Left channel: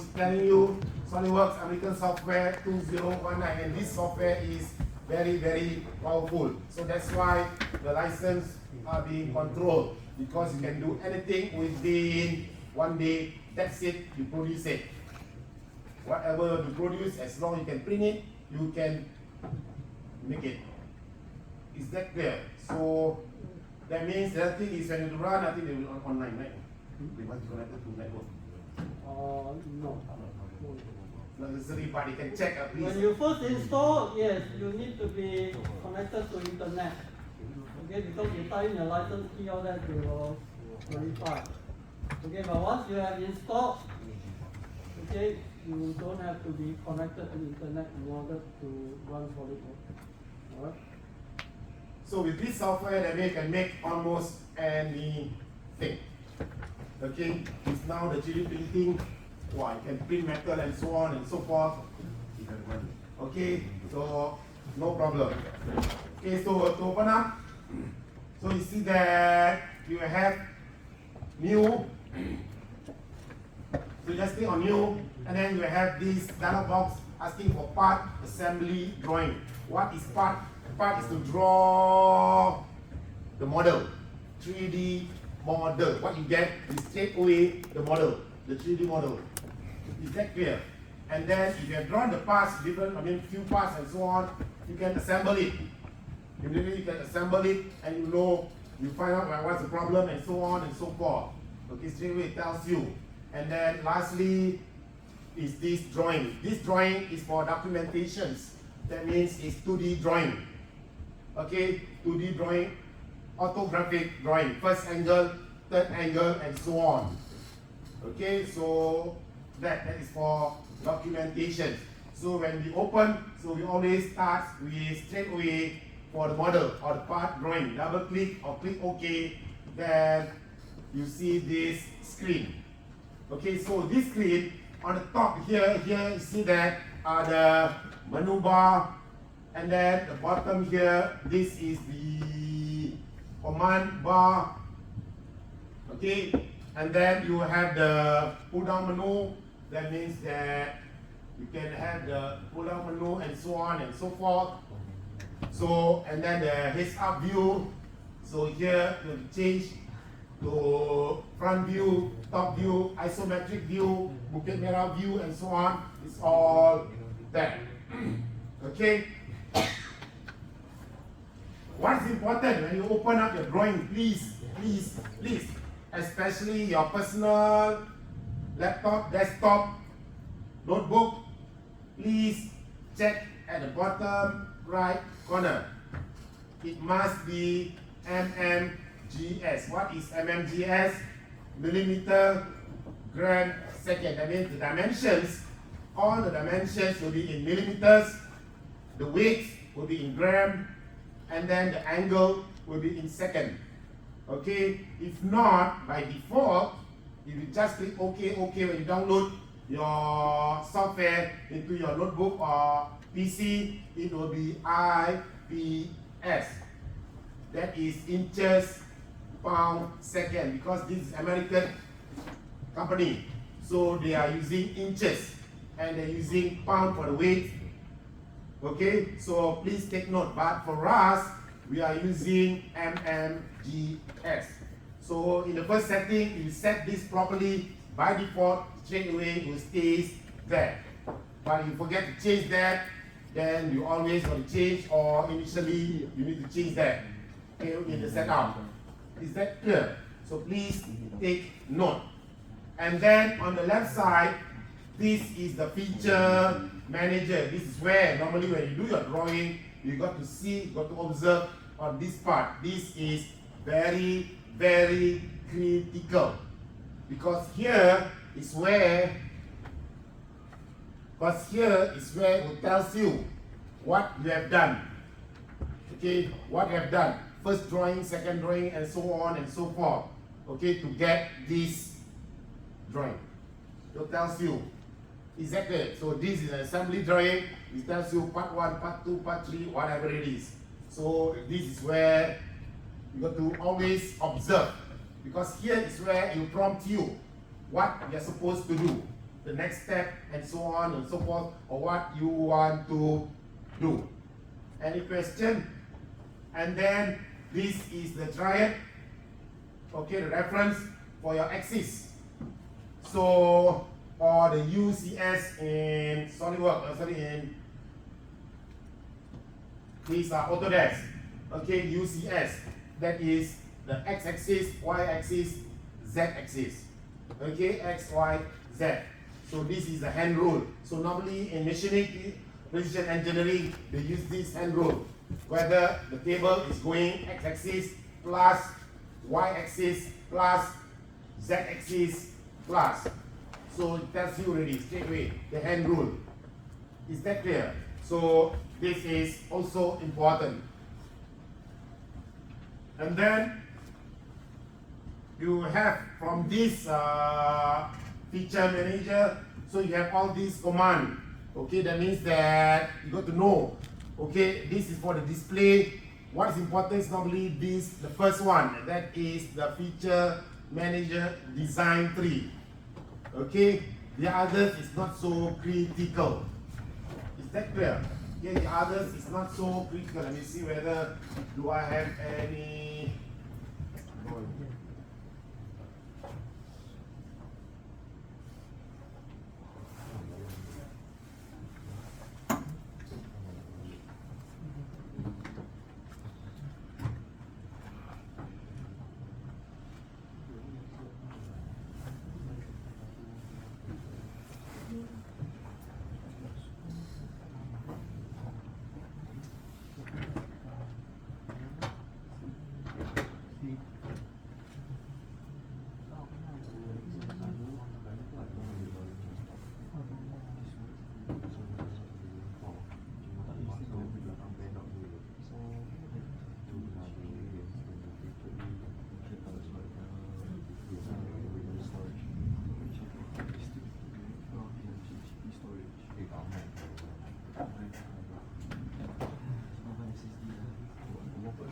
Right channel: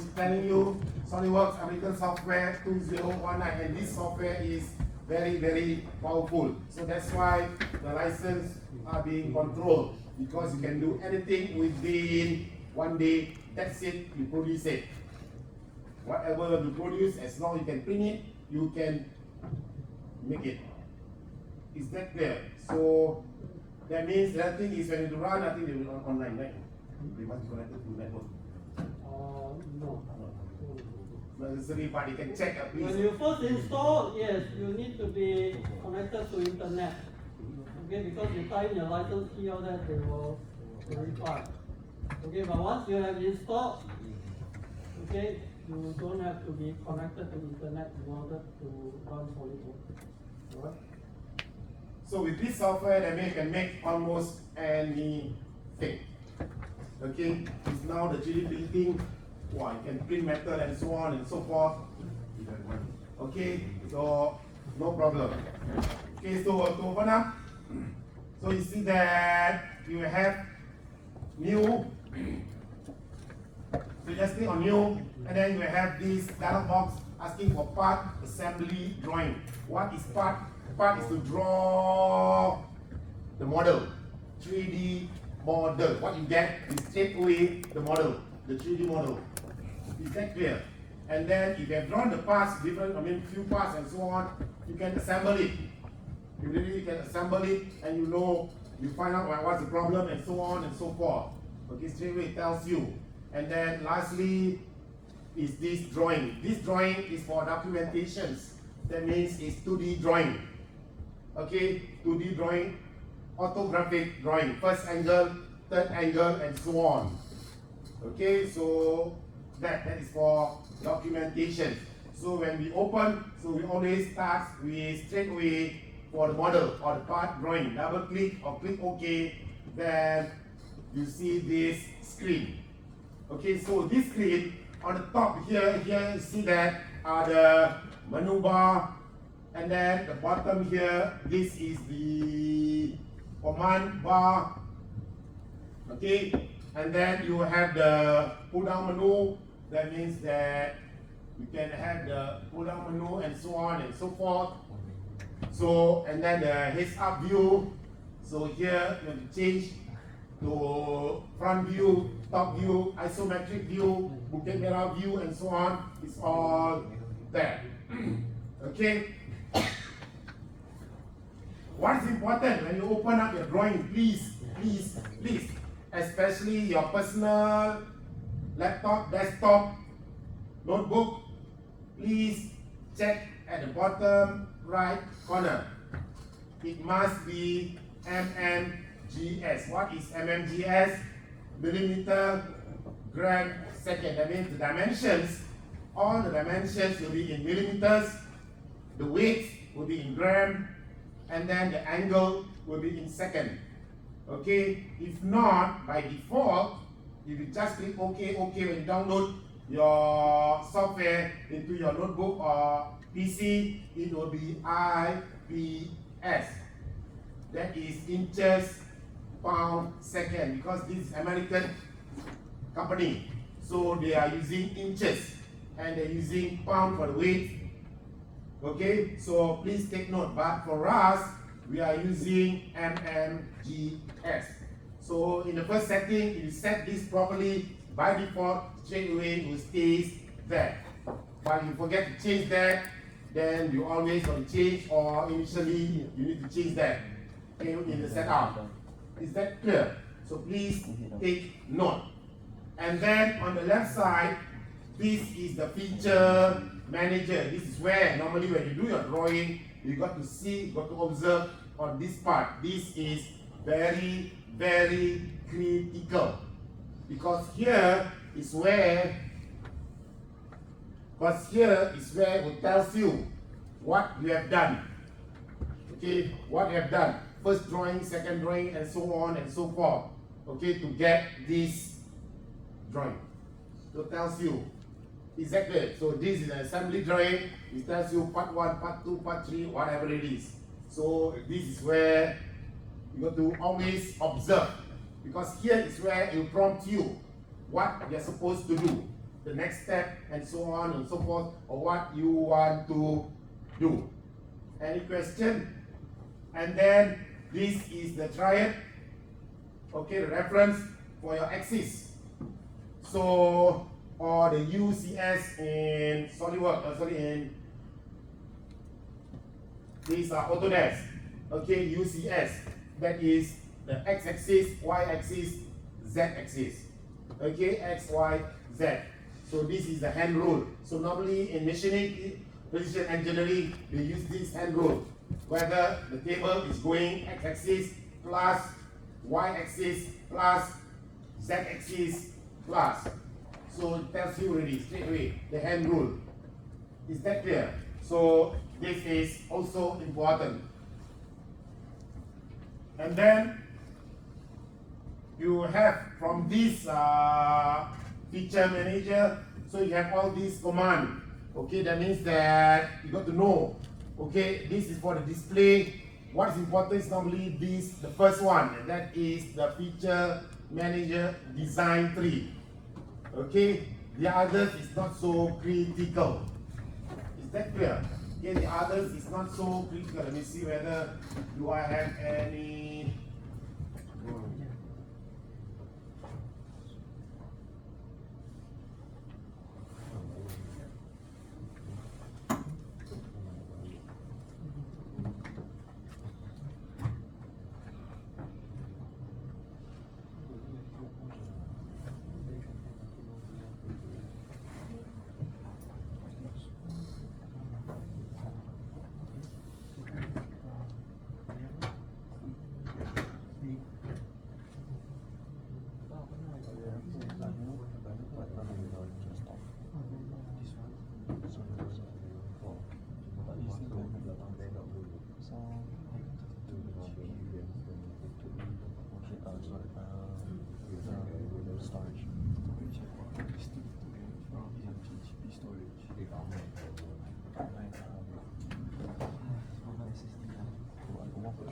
telling you SolidWorks American Software 2019, and this software is very powerful. So that's why the license are being controlled, because you can do anything within 1 day. That's it, you produce it. Whatever you produce, as long as you can print it, you can make it. Is that clear? So that means the other thing is when you run, I think they will online, right? They must be connected to network. No. Not necessary, but you can check at least. When you first install, yes, you need to be connected to internet. Okay, because you type in your license key, all that they will verify. Okay, but once you have installed, okay, you don't have to be connected to internet in order to run SolidWorks. Alright. So with this software, that means you can make almost anything. Okay, it's now the 3D printing. Wow, you can print metal and so on and so forth. Okay, so no problem. Okay, so to open up, so you see that you have new. So just click on new, and then you have this dialog box asking for part assembly drawing. What is part? Part is to draw the model, 3D model. What you get is straight away the model, the 3D model. Is that clear? And then if you have drawn the parts, different, few parts and so on, you can assemble it. Immediately you can assemble it, and you find out what's the problem and so on and so forth. Okay, straight away it tells you. And then lastly is this drawing. This drawing is for documentations. That means it's 2D drawing. Okay, 2D drawing, orthographic drawing, first angle, third angle, and so on. Okay, so that is for documentation. So when we open, so we always start with straight away for the model or the part drawing. Double click or click OK, then you see this screen. Okay, so this screen on the top here you see that are the menu bar, and then the bottom here, this is the command bar. Okay, and then you have the pull down menu. That means that you can have the pull down menu and so on and so forth. So, and then the heads up view. So here you have to change to front view, top view, isometric view, Bukit Merah view, and so on. It's all there. Okay. What is important when you open up your drawing? Please, especially your personal laptop, desktop, notebook, please check at the bottom right corner. It must be mmgs. What is mmgs? Millimeter, gram, second. That means the dimensions, all the dimensions will be in millimeters, the weight will be in gram, and then the angle will be in second. Okay, if not, by default, if you just click OK when you download your software into your notebook or PC, it will be IPS. That is inches, pound, second, because this is American company. So they are using inches and they're using pound for the weight. Okay, so please take note. But for us, we are using mmgs. So in the first setting, if you set this properly, by default, straight away it will stay there. But if you forget to change that, then you always want to change, or initially you need to change that in the setup. Is that clear? So please take note. And then on the left side, this is the feature manager. This is where normally when you do your drawing, you got to see, you got to observe on this part. This is very critical, because here is where it tells you what you have done. Okay, what you have done. First drawing, second drawing, and so on and so forth. Okay, to get this drawing. So it tells you exactly. So this is an assembly drawing. It tells you part 1, part 2, part 3, whatever it is. So this is where you got to always observe, because here is where it will prompt you what you're supposed to do. the next step, and so on and so forth, or what you want to do. Any question? And then this is the triad, okay, the reference for your axis. So, or the UCS in SolidWorks, in these are Autodesk, okay, UCS, that is the x-axis, y-axis, z-axis, okay, x, y, z. So this is the hand rule. So normally in machining, precision engineering, they use this hand rule. Whether the table is going x-axis plus y-axis plus z-axis plus. So it tells you already straight away the hand rule. Is that clear? So this is also important. And then you have from this feature manager, so you have all these commands. Okay, that means that you got to know. Okay, this is for the display. What is important is normally this, the first one, and that is the feature manager design tree. Okay, the others is not so critical. Is that clear? Okay, the others is not so critical. Let me see whether do I have any.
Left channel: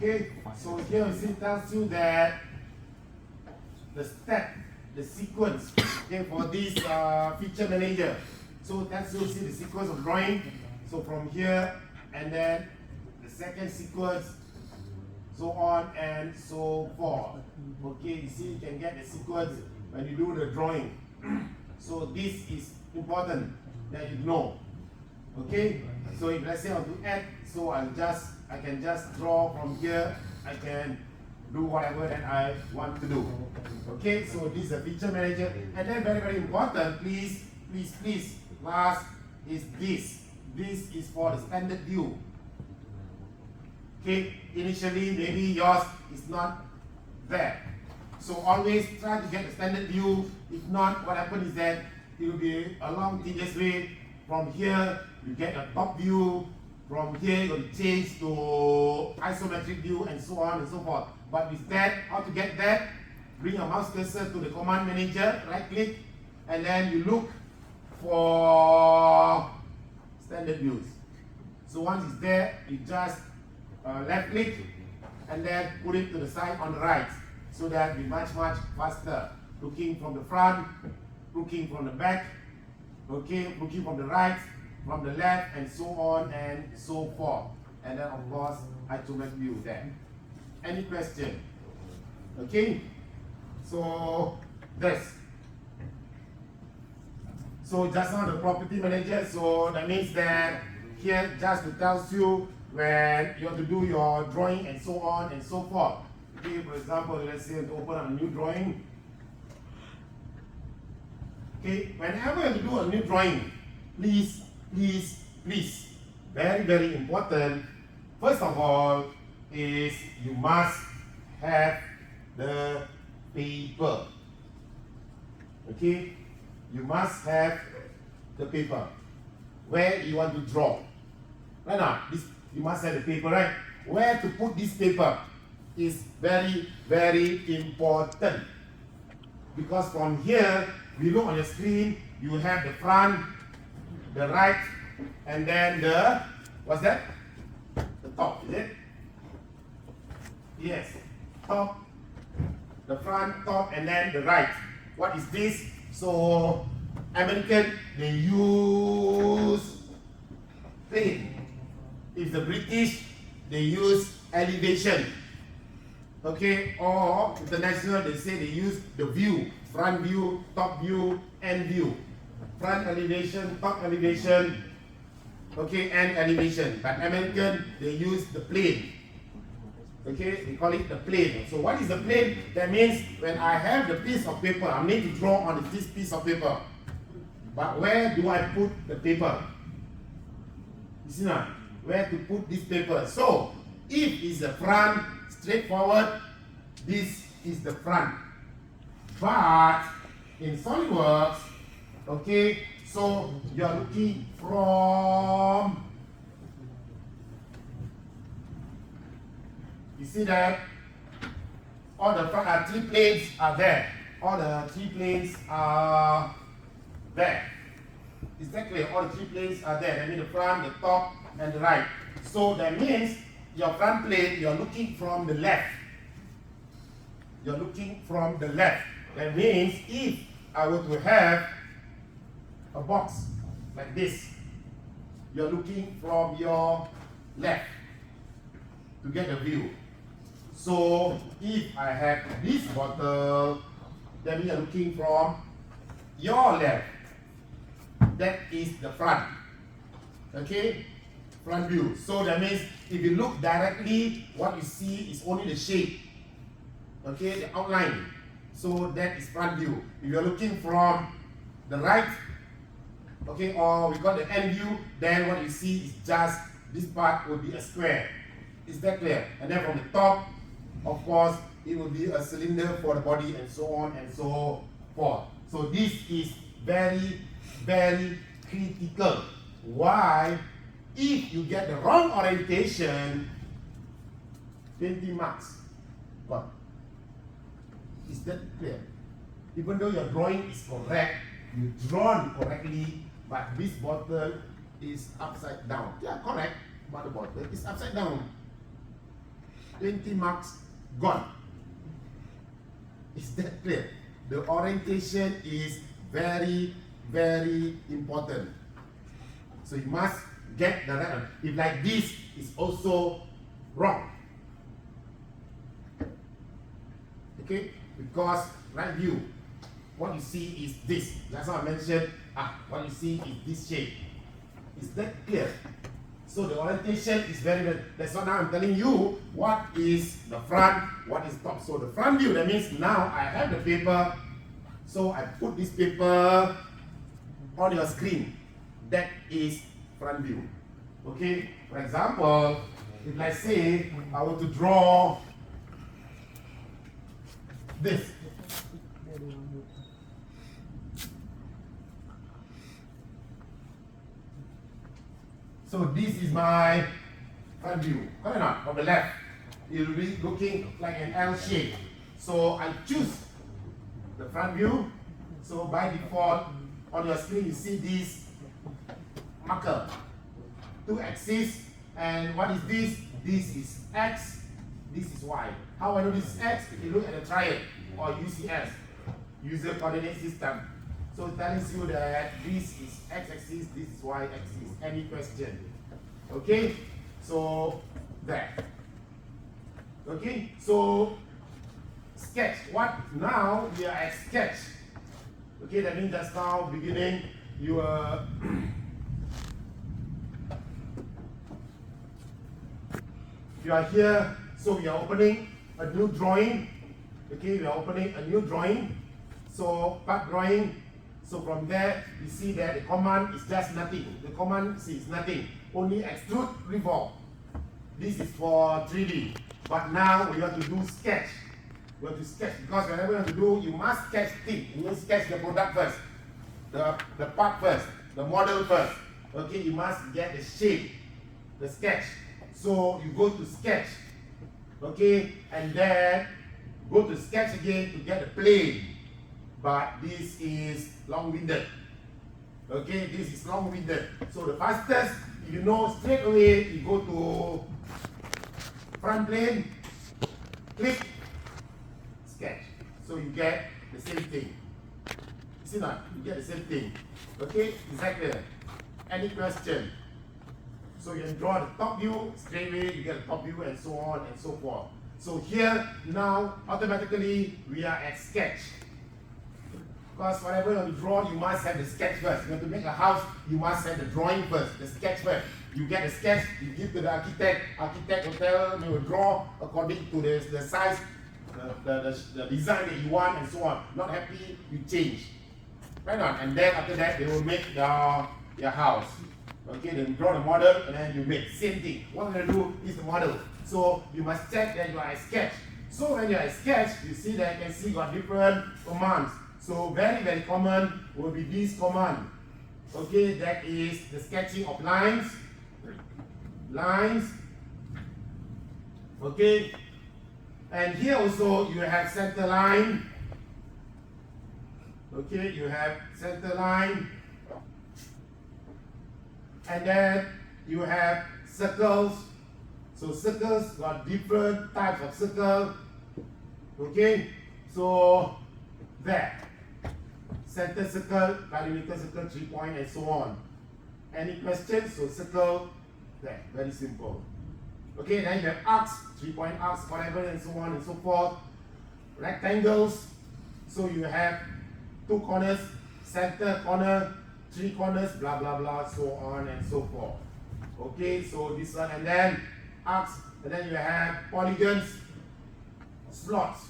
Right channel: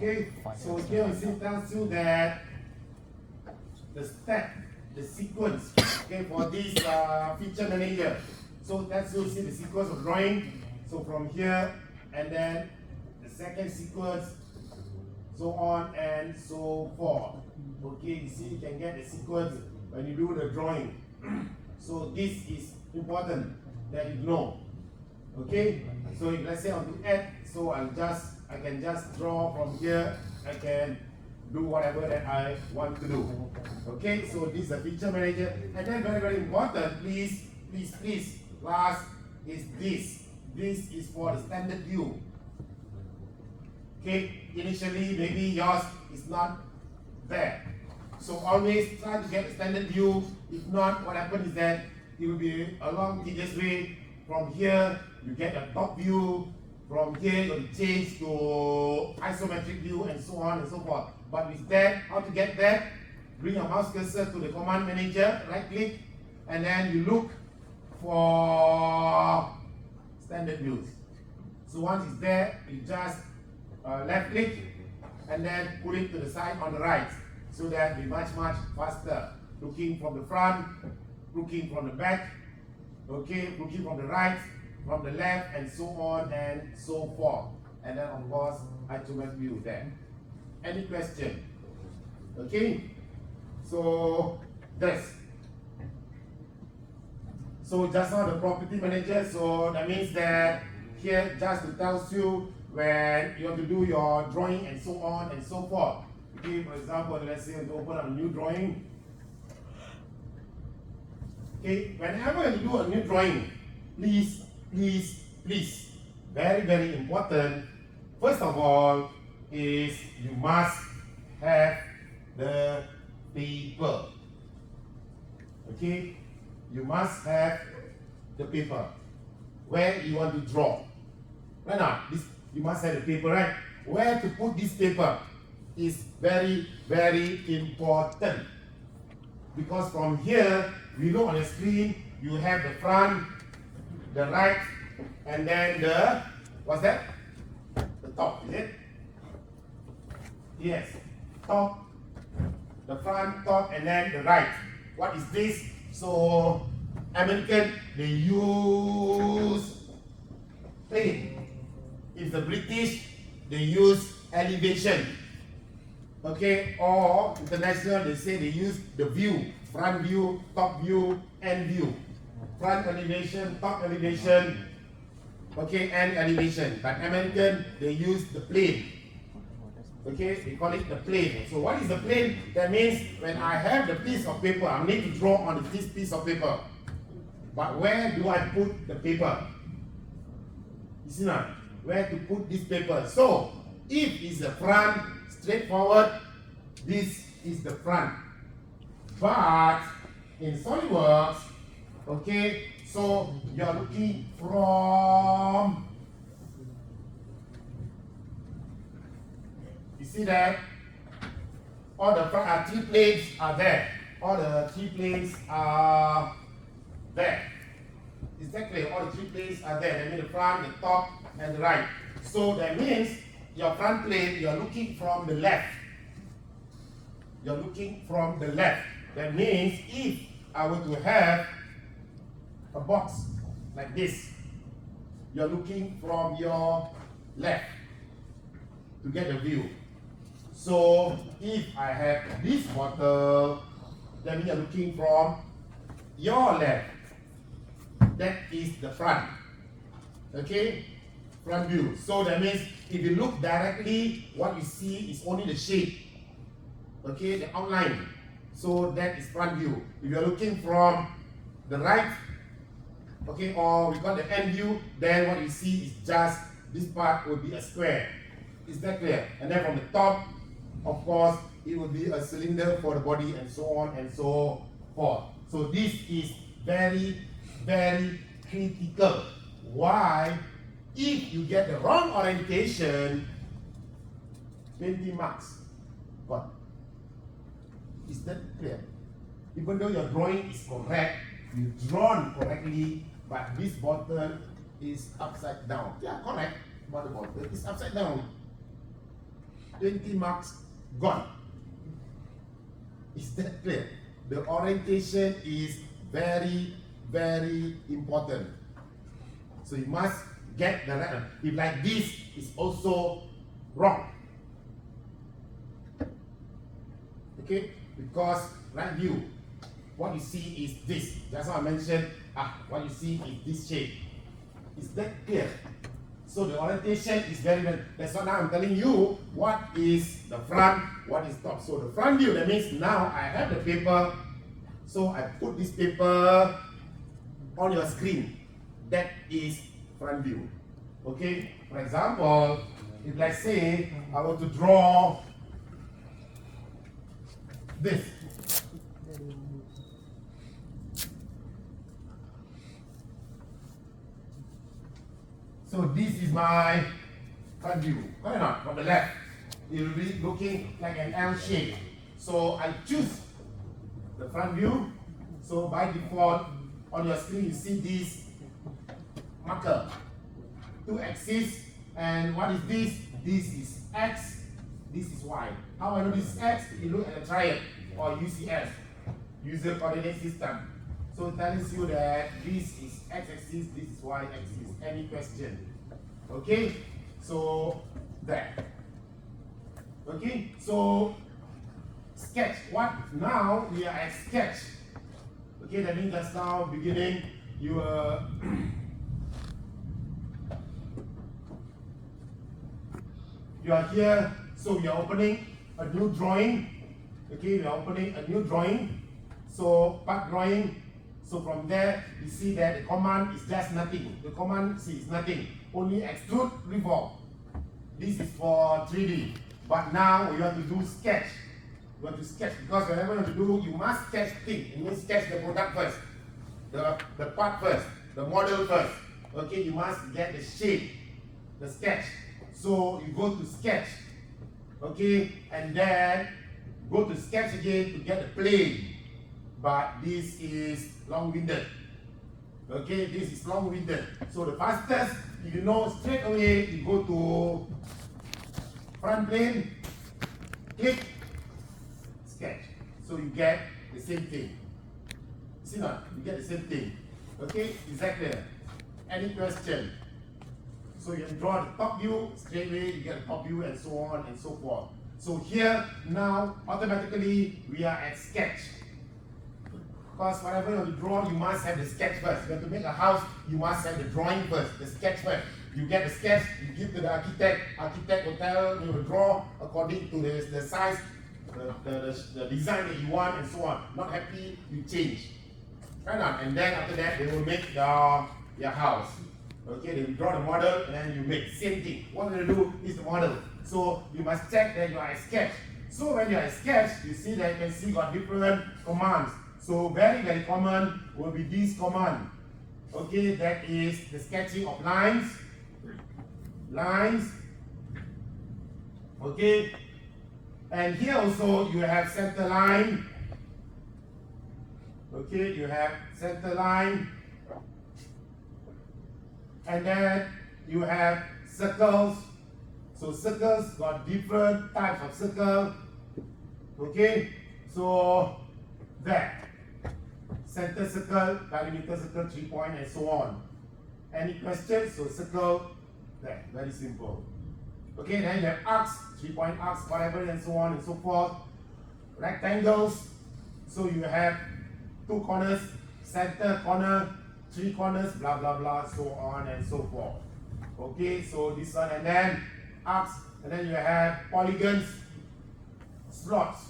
Okay, so here it tells you that the step, the sequence, okay, for this feature manager. So that's you see the sequence of drawing. So from here, and then the second sequence, so on and so forth. Okay, you see you can get the sequence when you do the drawing. So this is important that you know. Okay, so if let's say I want to add, so I can just draw from here. I can do whatever that I want to do. Okay, so this is a feature manager, and then very important, please, last is this. This is for the standard view. Okay, initially maybe yours is not there, so always try to get the standard view. If not, what happens is that it will be a long tedious way. From here you get a top view, from here you will change to isometric view, and so on and so forth. But with that, how to get that? Bring a mouse cursor to the command manager, right click, and then you look for standard views. So once it's there, you just left click and then put it to the side on the right, so that it'll be much faster. Looking from the front, looking from the back, okay, looking from the right, from the left, and so on and so forth. And then of course, isometric view there. Any question? Okay, so this. So just now the property manager, so that means that here just it tells you when you want to do your drawing and so on and so forth. Okay, for example, let's say to open up a new drawing. Okay, whenever you do a new drawing, please, very important. First of all, is you must have the paper. Okay, you must have the paper where you want to draw. Why not? This you must have the paper, right? Where to put this paper is very important, because from here we look on the screen. You have the front, the right, and then the what's that? The top, is it? Yes, top, the front, top, and then the right. What is this? So American, they use plane. If the British, they use elevation. Okay, or international, they say they use the view, front view, top view, end view. Front elevation, top elevation, okay, end elevation. But American, they use the plane. Okay, they call it the plane. So what is the plane? That means when I have the piece of paper, I need to draw on this piece of paper. But where do I put the paper? You see now, where to put this paper? So, if it's the front, straightforward, this is the front. But in SolidWorks, okay, so you are looking from, you see that all the front, 3 planes are there. All the 3 planes are there. Is that clear? All the 3 planes are there. That means the front, the top, and the right. So that means your front plane, you're looking from the left. You're looking from the left. That means if I were to have a box like this, you're looking from your left to get a view. So if I have this bottle, that means you're looking from your left. That is the front. Okay? Front view. So that means if you look directly, what you see is only the shape. Okay? The outline. So that is front view. If you're looking from the right, okay, or we got the end view, then what you see is just this part will be a square. Is that clear? And then from the top, of course, it will be a cylinder for the body and so on and so forth. So this is very, very critical. Why? If you get the wrong orientation, 20 marks. What? Is that clear? Even though your drawing is correct, you drawn correctly, but this bottle is upside down. Yeah, correct, but the bottle is upside down. 20 marks gone. Is that clear? The orientation is very, very important. So you must get the right one. If like this is also wrong. Okay? Because right view, what you see is this. That's what I mentioned. What you see is this shape. Is that clear? So the orientation is very, very, that's what now I'm telling you what is the front, what is top. So the front view, that means now I have the paper. So I put this paper on your screen. That is front view. Okay? For example, if let's say I want to draw this. So this is my front view. Correct or not? From the left, it will be looking like an L shape. So I choose the front view. So by default, on your screen you see this marker, 2 axes, and what is this? This is X, this is Y. How I know this is X? If you look at the triad or UCS, user coordinate system. So it tells you that this is X-axis, this is Y-axis. Any question? Okay? So that. Okay? So sketch. What? Now we are at sketch. Okay, that means just now beginning you are you are here, so we are opening a new drawing. Okay, we are opening a new drawing. So part drawing. So from there, you see that the command is just nothing. The command is nothing. Only extrude, revolve. This is for 3D. But now we want to do sketch. We want to sketch because whenever you want to do, you must sketch things. You must sketch the product first, the part first, the model first. Okay, you must get the shape, the sketch. So you go to sketch. Okay, and then go to sketch again to get the plane. But this is long-winded. Okay, this is long-winded. So the fastest, you know, straight away, you go to front plane, click, sketch. So you get the same thing. See now, you get the same thing. Okay, is that clear? Any question? So you can draw the top view, straight away you get the top view and so on and so forth. So here, now, automatically, we are at sketch. Because whatever you want to draw, you must have the sketch first. You have to make a house, you must have the drawing first, the sketch first. You get the sketch, you give to the architect will tell, you will draw according to the size, the design that you want and so on. Not happy, you change. Right on, and then after that, they will make your house. Okay, they will draw the model and then you make. Same thing. What we're going to do is the model. So you must check that you are a sketch. So when you are a sketch, you see that you can see got different commands. So very, very common will be this command. Okay, that is the sketching of lines. Okay, and here also you have center line. Okay, you have center line. And then you have circles. So circles got different types of circle. Okay, so that center circle, perimeter circle, 3 point, and so on. Any questions? So circle there, very simple. Okay, then you have arcs, 3 point arcs, whatever, and so on and so forth. Rectangles, so you have 2 corners, center corner, 3 corners, blah blah blah, so on and so forth. Okay, so this one, and then arcs, and then you have polygons, slots.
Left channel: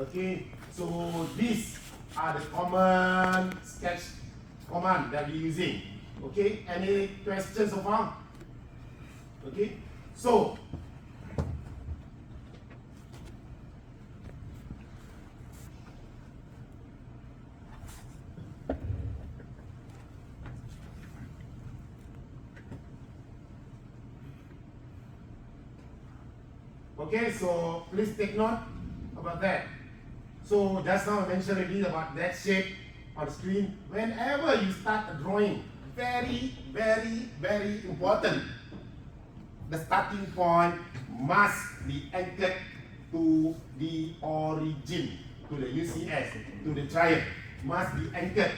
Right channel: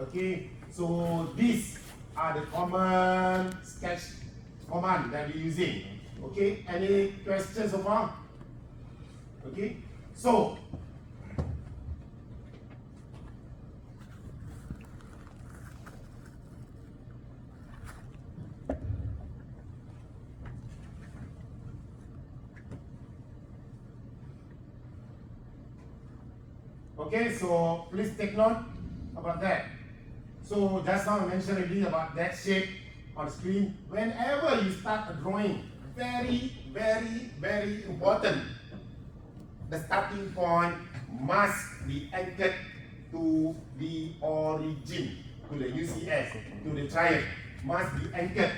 Okay, so these are the common sketch command that we're using. Okay, any questions so far? Okay, so okay, so please take note about that. So just now I mentioned already about that shape on the screen. Whenever you start a drawing, very, very, very important. The starting point must be anchored to the origin, to the UCS, to the triangle. Must be anchored.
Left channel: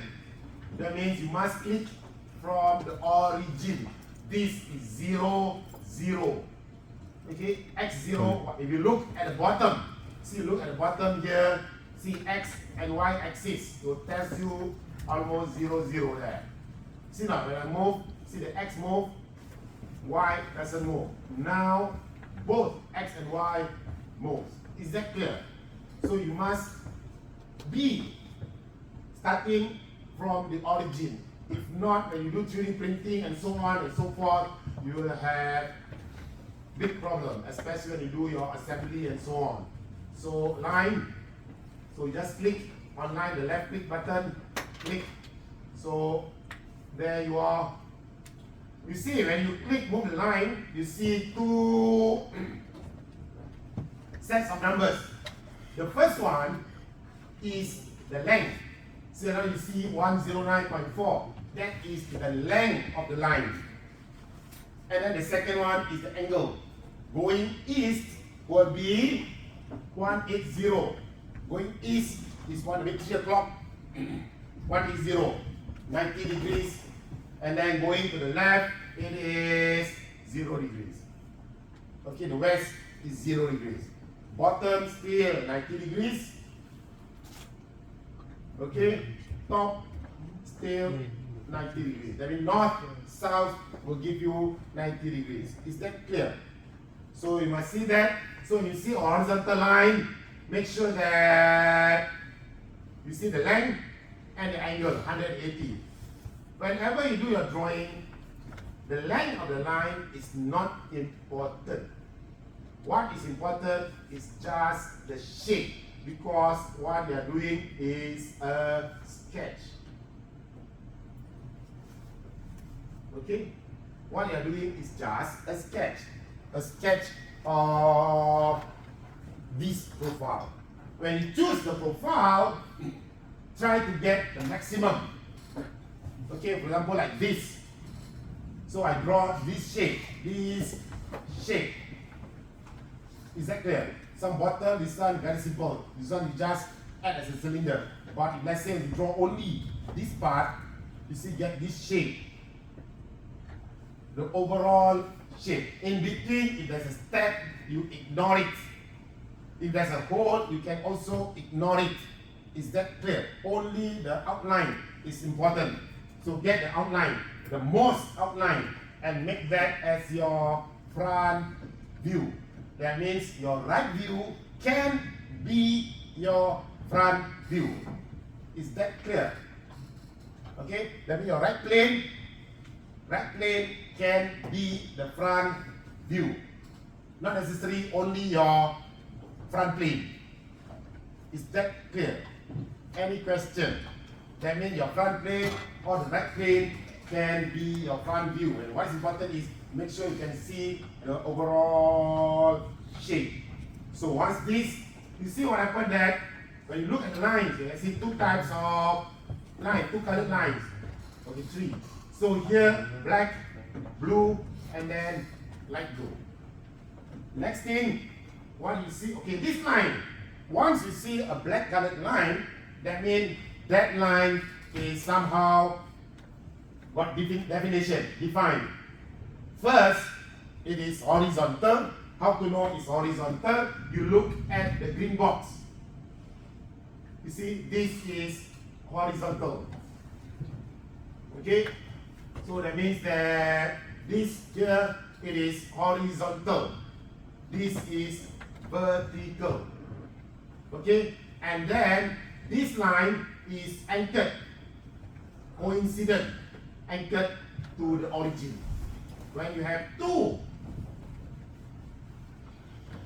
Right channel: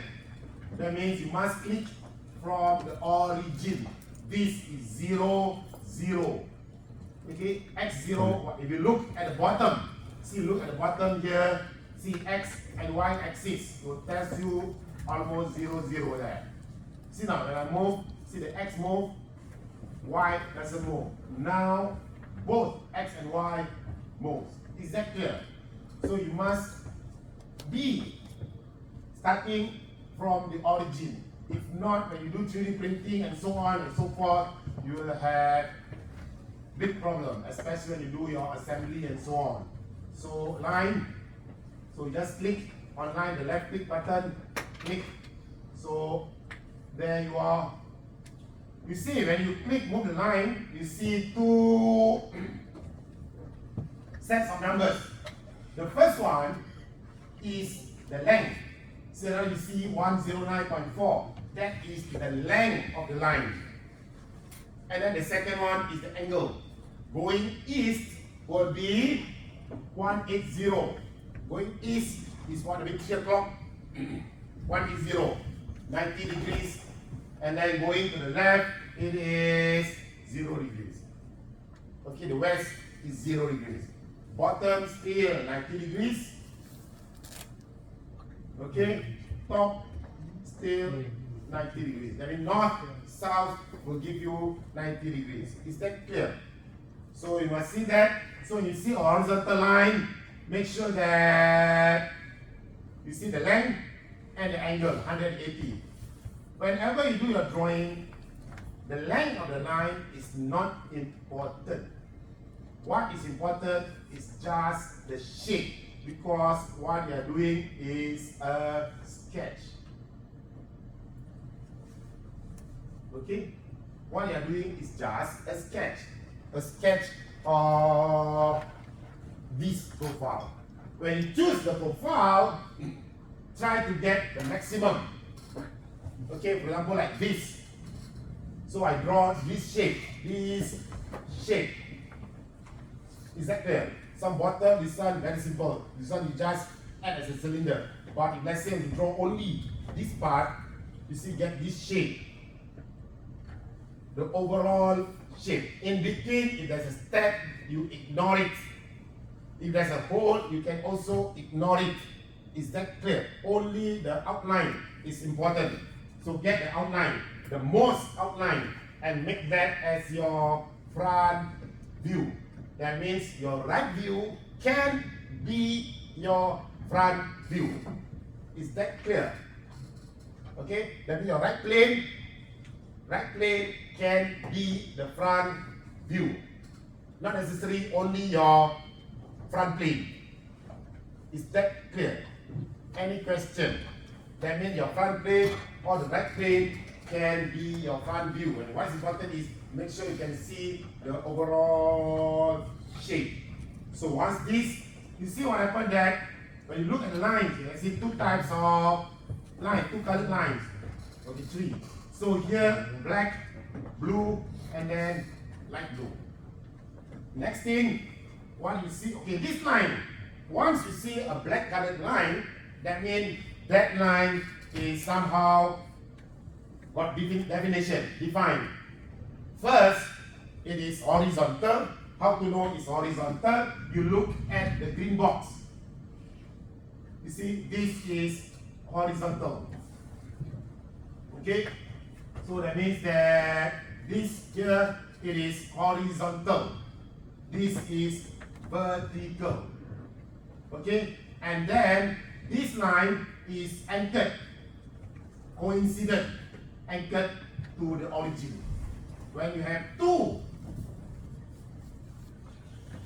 That means you must click from the origin. This is 0, 0. Okay, x0. If you look at the bottom, see, look at the bottom here, see x and y axis. So it tells you almost 0, 0 there. See now, when I move, see the x move, y doesn't move. Now, both x and y moves. Is that clear? So you must be starting from the origin. If not, when you do 3D printing and so on and so forth, you will have big problem, especially when you do your assembly and so on. So line, so just click on line, the left click button, click. So there you are. You see, when you click move the line, you see 2 sets of numbers. The first one is the length. So now you see 109.4. That is the length of the line. And then the second one is the angle. Going east will be 180. Going east is 3 o'clock. 180, 90 degrees. And then going to the left, it is 0 degrees. Okay, the west is 0 degrees. Bottom still 90 degrees. Okay, top still 90 degrees. That means north, south will give you 90 degrees. Is that clear? So you must see that. So you see horizontal line, make sure that you see the length and the angle, 180. Whenever you do your drawing, the length of the line is not important. What is important is just the shape, because what you are doing is a sketch. Okay? What you are doing is just a sketch. A sketch of this profile. When you choose the profile, try to get the maximum. Okay, for example, like this. So I draw this shape. Is that clear? Some bottom, this one very simple. This one you just add as a cylinder. But if let's say you draw only this part, you see get this shape. The overall shape. In between, if there's a step, you ignore it. If there's a hole, you can also ignore it. Is that clear? Only the outline is important. So get the outline, the most outline, and make that as your front view. That means your right view can be your front view. Is that clear? Okay, that means your right plane can be the front view. Not necessarily only your front plane. Is that clear? Any question? That means your front plane or the right plane can be your front view. And what's important is make sure you can see the overall shape. So once this, you see what happened that when you look at the lines, you see two types of lines, two colored lines. Okay, three. So here, black, blue, and then light blue. Next thing, what you see, okay, this line, once you see a black colored line, that means that line is somehow got definition, defined. First, it is horizontal. How to know it's horizontal? You look at the green box. You see, this is horizontal. Okay? So that means that this here, it is horizontal. This is vertical. Okay? And then this line is anchored, coincident, anchored to the origin. When you have two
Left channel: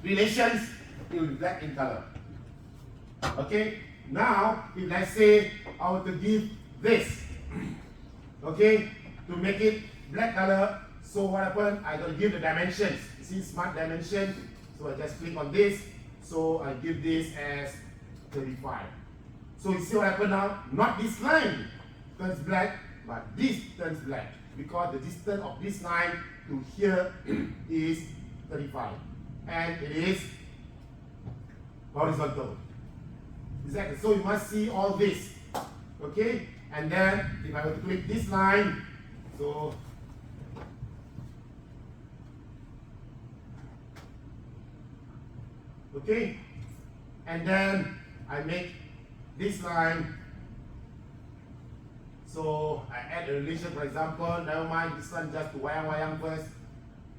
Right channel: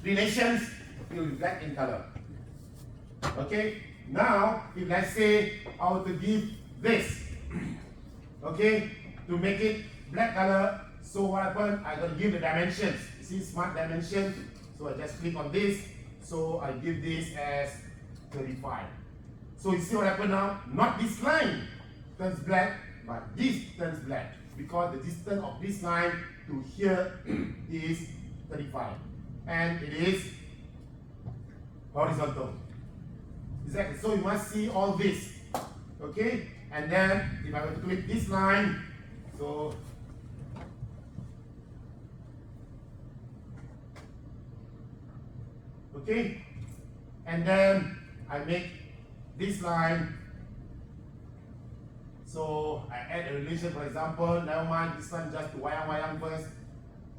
relations, it will reflect in color. Okay? Now, if let's say I were to give this, okay, to make it black color, so what happened? I gotta give the dimensions. You see smart dimension, so I just click on this, so I give this as 35. So you see what happened now? Not this line turns black, but this turns black, because the distance of this line to here is 35, and it is horizontal. Exactly. So you must see all this, okay? And then if I were to click this line, so okay, and then I make this line. So I add a relation, for example, never mind this one, just to wayang first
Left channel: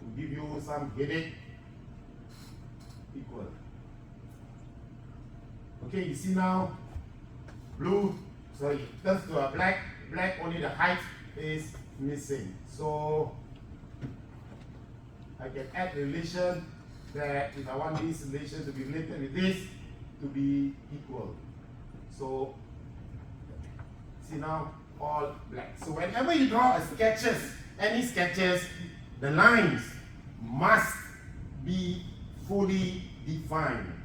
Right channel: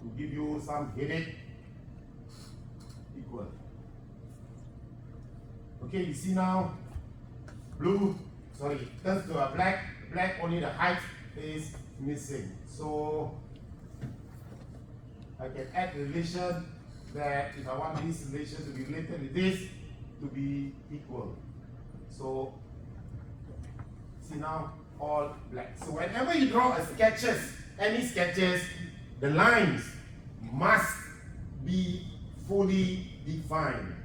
to give you some headache. Equal. Okay, you see now, blue, sorry, turns to a black, black only the height is missing. So I can add a relation that if I want this relation to be related with this to be equal. So see now, all black. So whenever you draw a sketches, any sketches, the lines must be fully defined.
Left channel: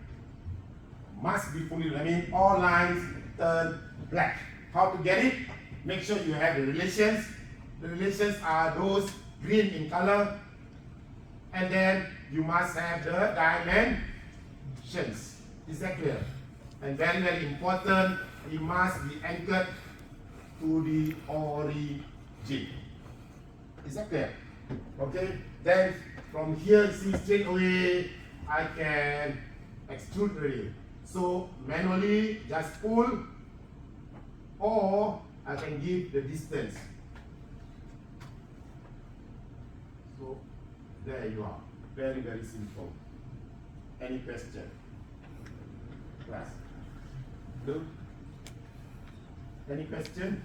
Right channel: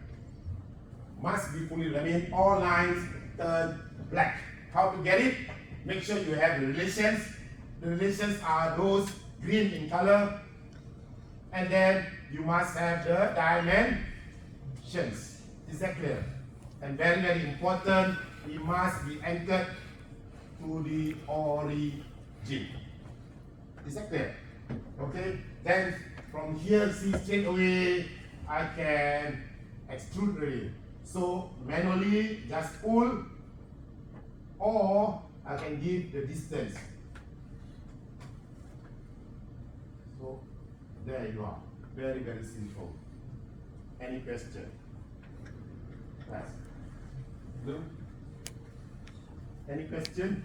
Must be fully, I mean all lines turn black. How to get it? Make sure you have the relations. The relations are those green in color. And then you must have the dimensions. Is that clear? And very, very important, it must be anchored to the origin. Is that clear? Okay? Then from here, see straight away, I can extrude really. So manually, just pull, or I can give the distance. So there you are. Very, very simple. Any question? Yes. Blue? Any question?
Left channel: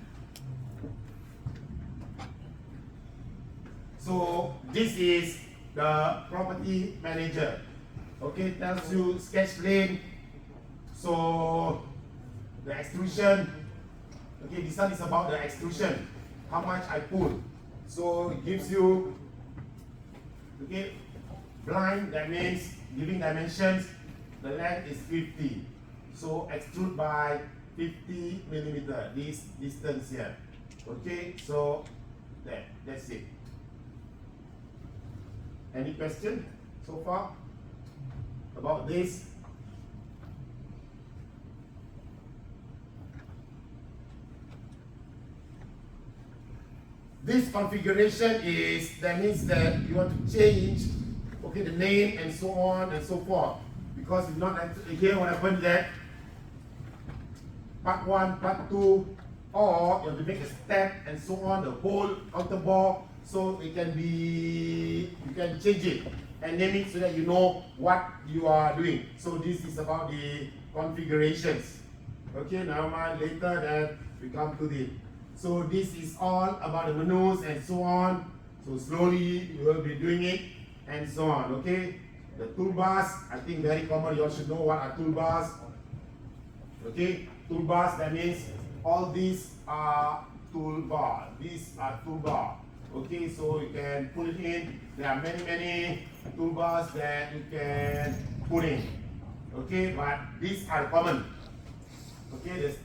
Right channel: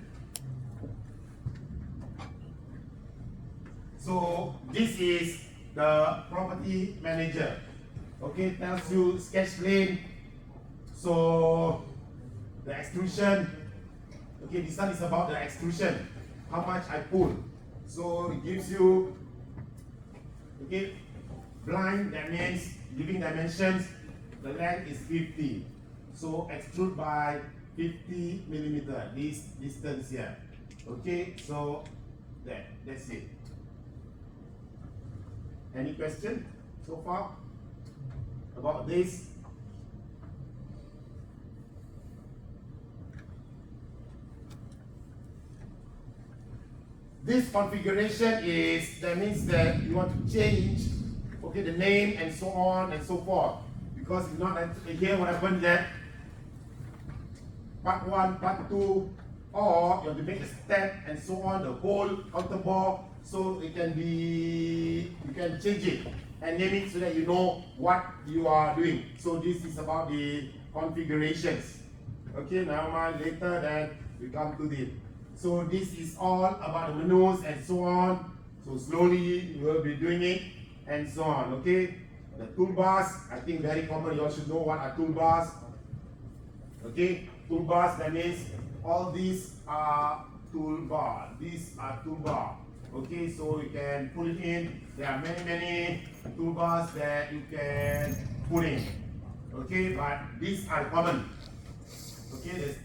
So this is the property manager. Okay, tells you sketch plane. So the extrusion. Okay, this one is about the extrusion. How much I pull. So it gives you, okay, blind, that means giving dimensions. The length is 50. So extrude by 50 millimeter, this distance here. Okay, so that's it. Any question so far about this? This configuration is, that means that you want to change, okay, the name and so on and so forth. Because if not, here what happened that part 1, part 2, or you have to make a step and so on, the whole counter ball, so it can be, you can change it and name it so that you know what you are doing. So this is about the configurations. Okay, now later then we come to the, so this is all about the menus and so on. So slowly you will be doing it and so on. Okay, the toolbars, I think very common, you all should know what are toolbars. Okay, toolbars, that means all these are toolbar. These are toolbar. Okay, so you can put it in. There are many toolbars that you can put in. Okay, but these are common. Okay, there's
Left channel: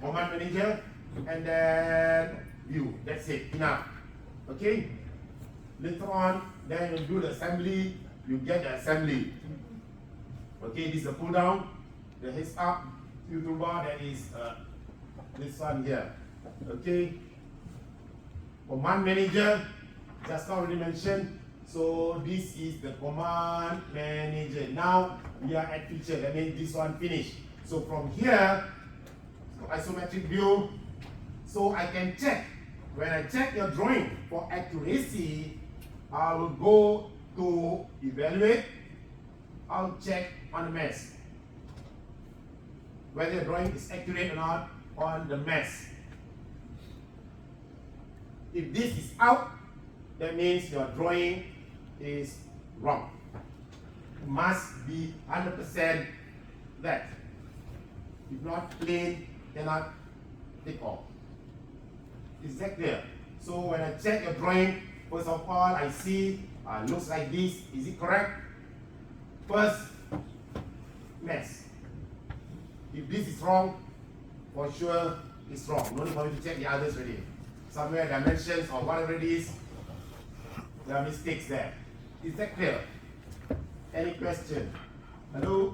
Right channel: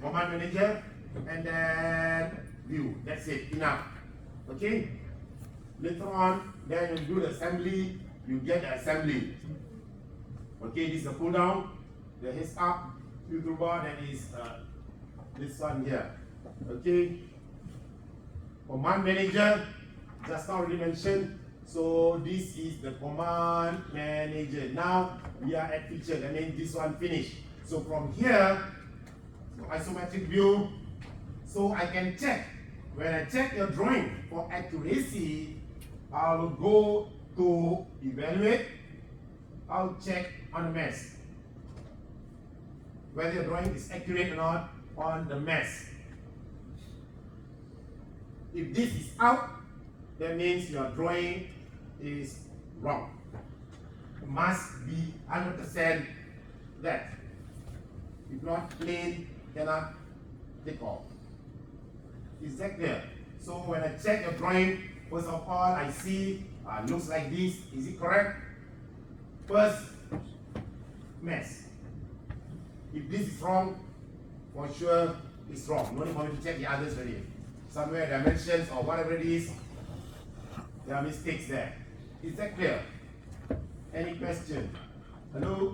command manager and then view. That's it, enough. Okay, later on, then you do the assembly, you get the assembly. Okay, this is the pull down, the heads up, view toolbar, that is this one here. Okay, command manager, just now already mentioned. So this is the command manager. Now we are at feature, that means this one finished. So from here, isometric view, so I can check. When I check your drawing for accuracy, I will go to evaluate. I'll check on the mesh, whether the drawing is accurate or not on the mesh. If this is out, that means your drawing is wrong. It must be 100% that. If not, plain cannot take off. Is that clear? So when I check your drawing, first of all, I see looks like this. Is it correct? First, mess. If this is wrong, for sure it's wrong. No need for me to check the others already. Somewhere dimensions or whatever it is, there are mistakes there. Is that clear? Any question? Hello?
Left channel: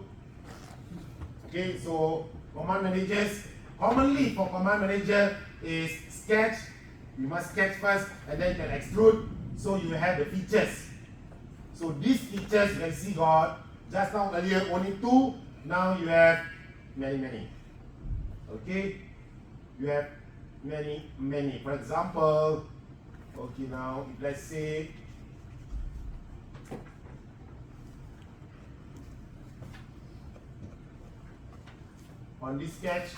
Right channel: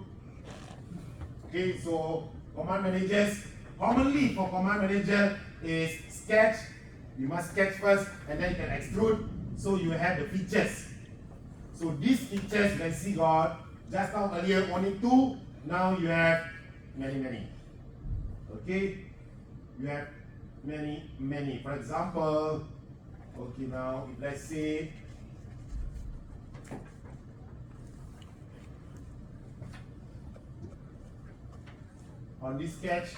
Okay, so command managers, commonly for command manager is sketch. You must sketch first and then you can extrude. So you have the features. So these features you can see got, just now earlier only 2, now you have many. Okay? You have many. For example, okay, now if let's say on this sketch,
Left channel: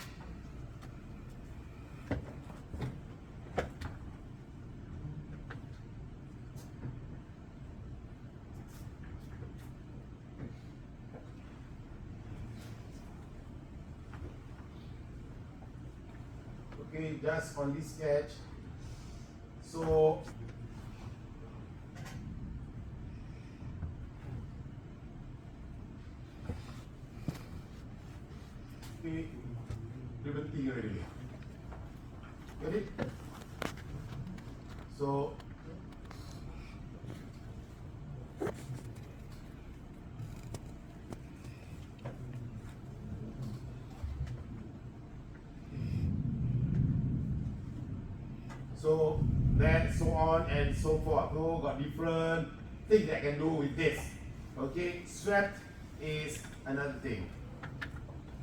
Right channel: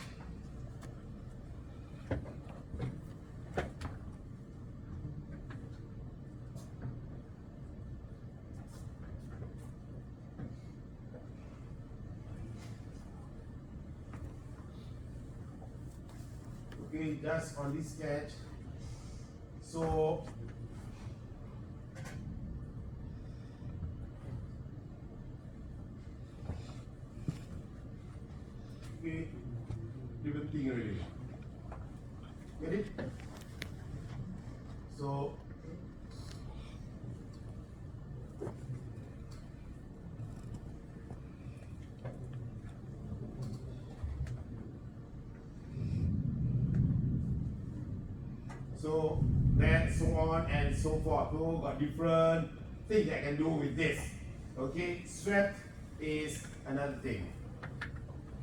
okay, just on this sketch. So okay, everything already. Get it? So then so on and so forth. So got different things that I can do with this. Okay, swept is another thing.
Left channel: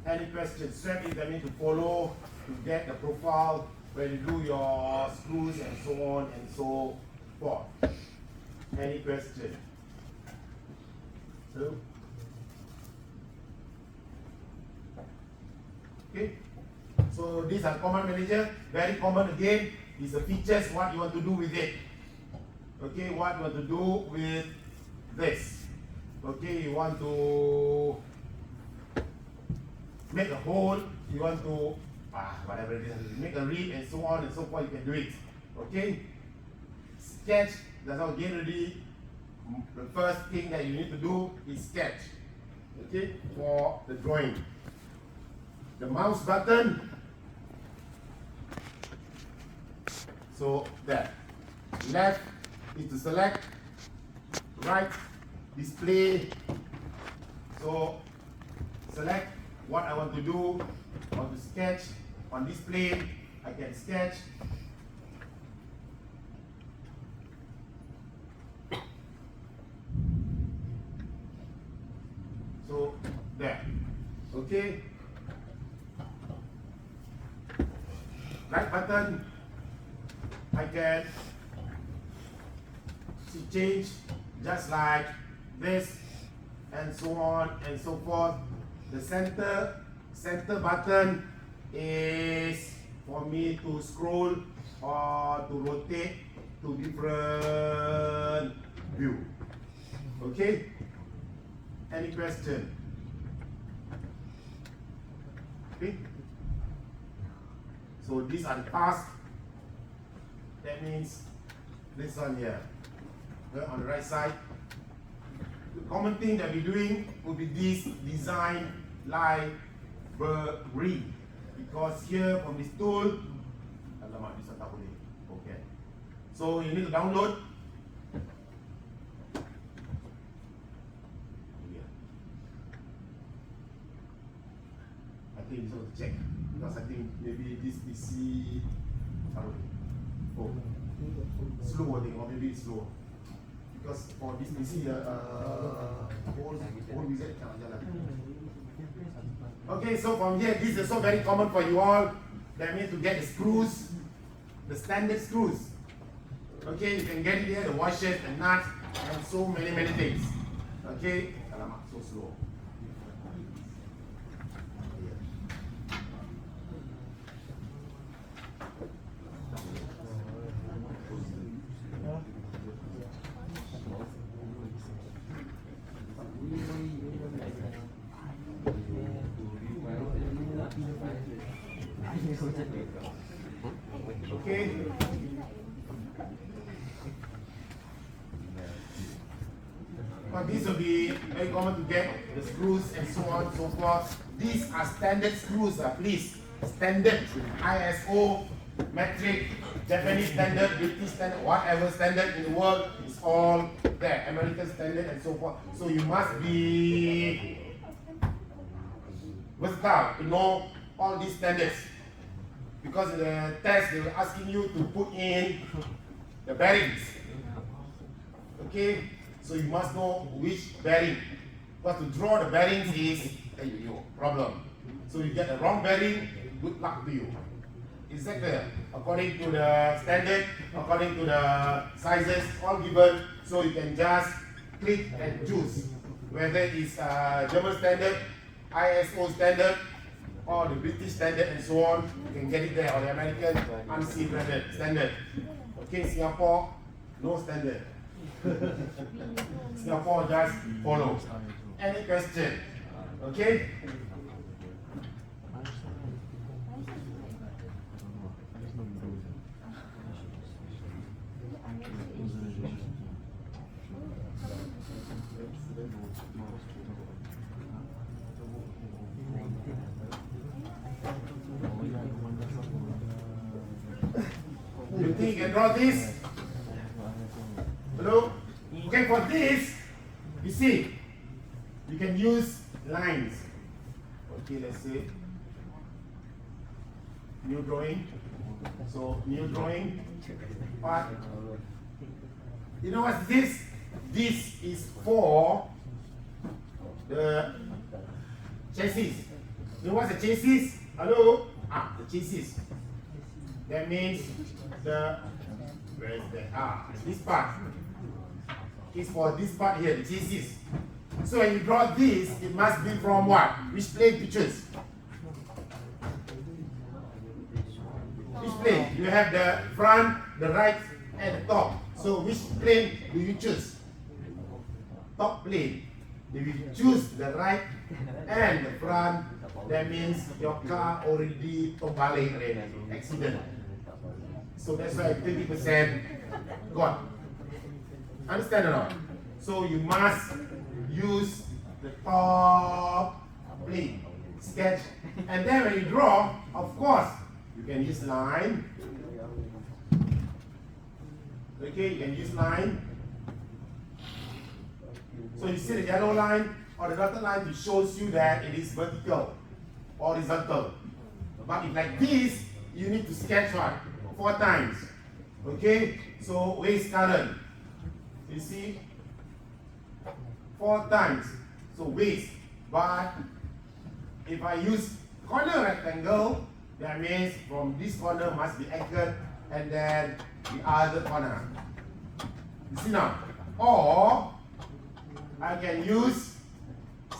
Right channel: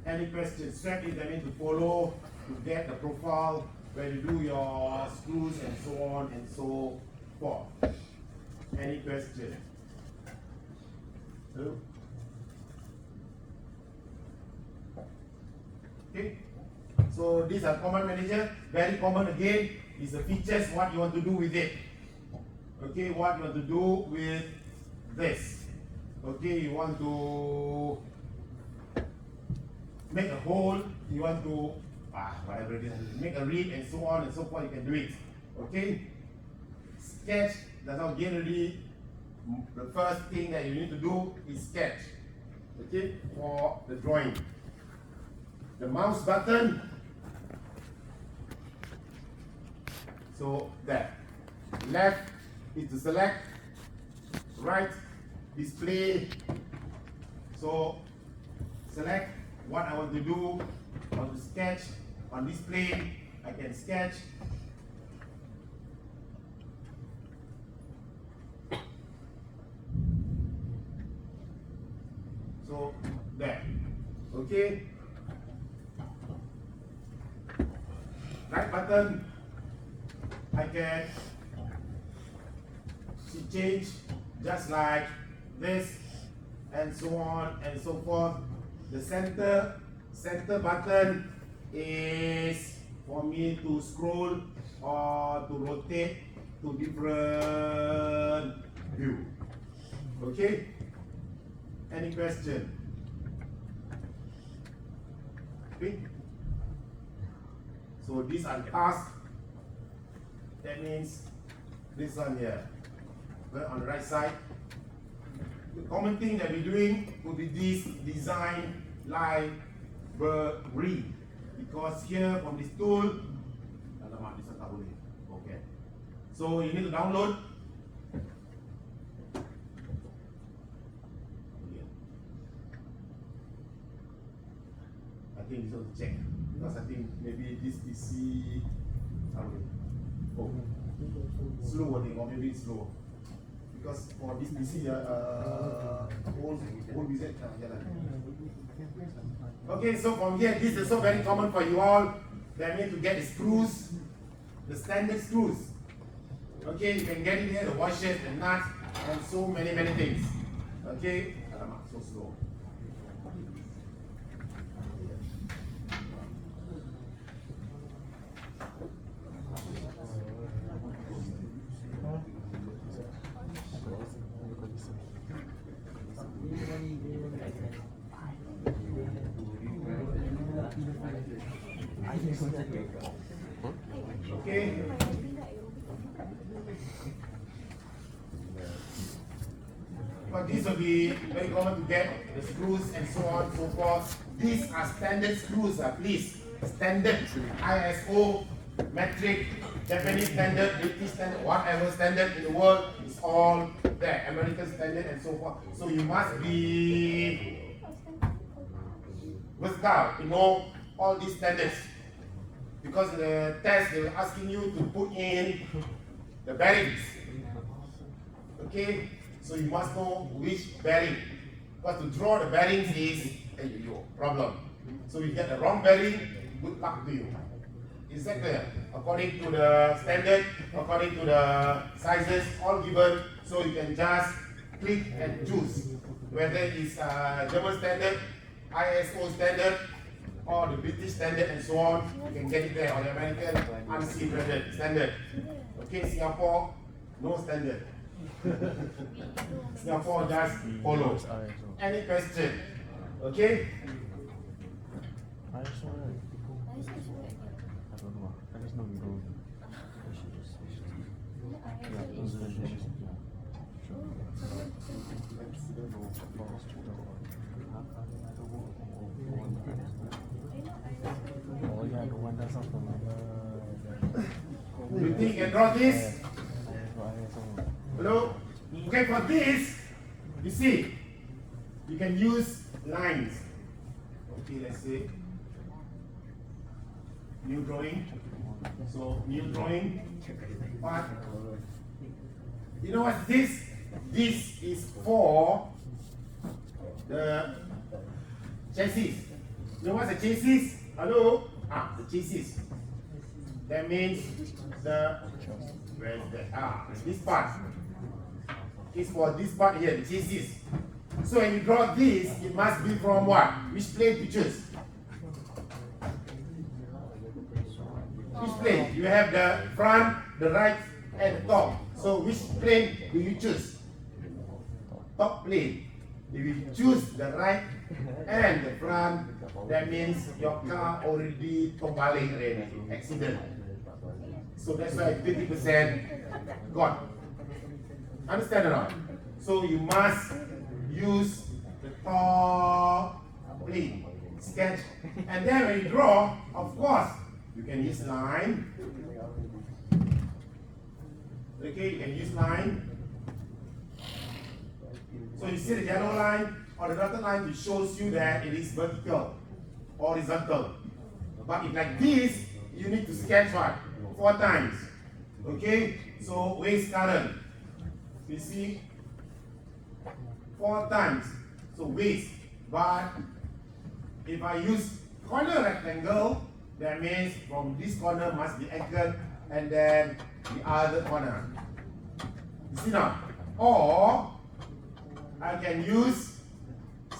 Any questions? Swept is I need to follow to get the profile when you do your screws and so on and so forth. Any question? Hello? Okay. So these are command manager, very common again. Is the features, what you want to do with it. Okay, what you want to do with this. Okay, you want to make a hole, you want to whatever it is, make a reed and so on and so forth, you can do it. Okay? Sketch, that's not get ready. The first thing that you need to do is sketch. Okay, for the drawing. The mouse button. So there. Left is to select, right, display. So select what I want to do. I want to sketch on this plane. I can sketch. Okay. Right button, I can change just like this and so on and so forth. The center button is for me to scroll or to rotate to different view. Okay? Any question? Okay? So these are the tasks. That means this one here. On the right side. The common thing that we're doing will be this design library. Because here from this tool, alamak, this one tak boleh. Okay. So you need to download. I think this one to check. Because I think maybe this PC, I don't know. Oh, slow I think, or maybe it's slow. Because for this PC, old wizard cannot jalan. Okay, so from here, this is so very common for you all. That means to get the screws, the standard screws. Okay, you can get it here, the washers, the nuts, and so many things. Okay, so slow. Okay. But these will be very common to get the screws and so on and so forth. These are standard screws, please. Standard ISO, metric, Japanese standard, British standard, whatever standard in the world is all there. American standard and so forth. So you must be versatile to know all these standards. Because in the test they were asking you to put in the bearings. Okay, so you must know which bearing. But to draw the bearings is a problem. So you get the wrong bearing, good luck to you. Is that clear? According to the standard, according to the sizes, all given, so you can just click and choose whether it's German standard, ISO standard, or the British standard and so on. You can get it there, or the American ANSI standard. Okay, Singapore, no standard. Singapore just follow. Any question? Okay? You think you can draw this? Hello? Okay, for this, you see, you can use lines. Okay, let's say, new drawing. So, new drawing. But, you know what this? This is for the chassis. You know what's a chassis? Hello? The chassis. That means where's that? This part is for this part here, the chassis. So when you draw this, it must be from what? Which plane to choose? Which plane? You have the front, the right, and the top. So which plane do you choose? Top plane. If you choose the right and the front, that means your car already terbalik already, accident. So that's why 30% gone. Understand or not? So you must use the top plane, sketch, and then when you draw, of course, you can use line. Okay, you can use line. So you see the yellow line or the dotted line, it shows you that it is vertical, horizontal. But if like this, you need to sketch what? 4 times. Okay, so waste current. You see, 4 times. So waste, but if I use corner rectangle, that means from this corner must be angled and then the other corner. You see now? Or I can use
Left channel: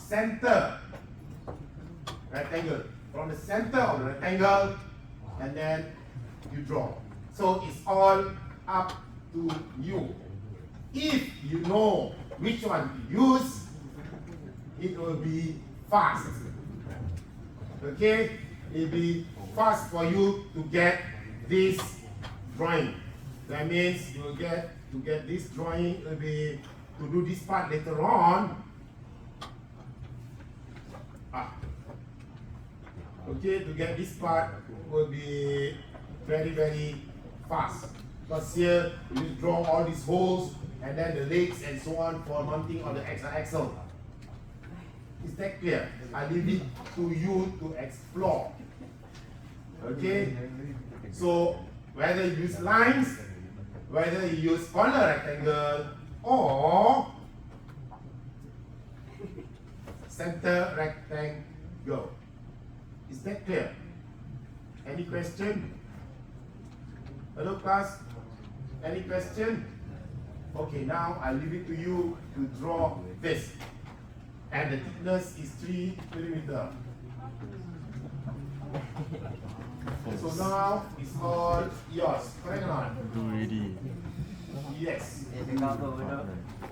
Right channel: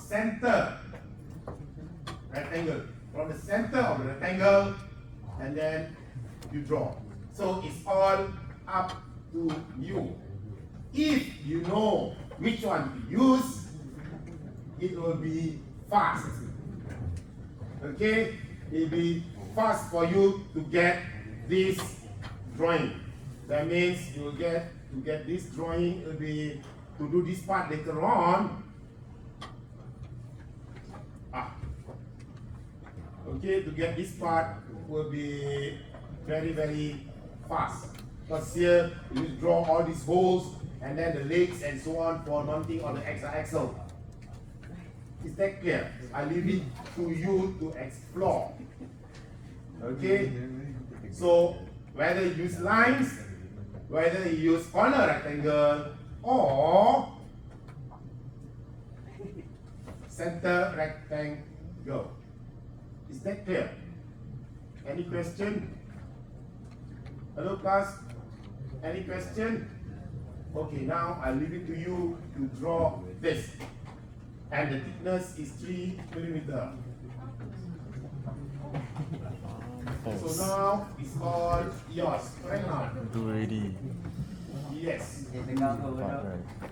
center rectangle. From the center of the rectangle and then you draw. So it's all up to you. If you know which one to use, it will be fast. Okay? It will be fast for you to get this drawing. That means you will get to get this drawing, will be to do this part later on. Okay, to get this part will be very, very fast. Because here you draw all these holes and then the legs and so on for mounting on the axle. Is that clear? I leave it to you to explore. Okay? So whether you use lines, whether you use corner rectangle or center rectangle. Is that clear? Any question? Hello class? Any question? Okay, now I leave it to you to draw this. And the thickness is 3 millimeters. So now it's all yours. Correct or not? Ready. Yes.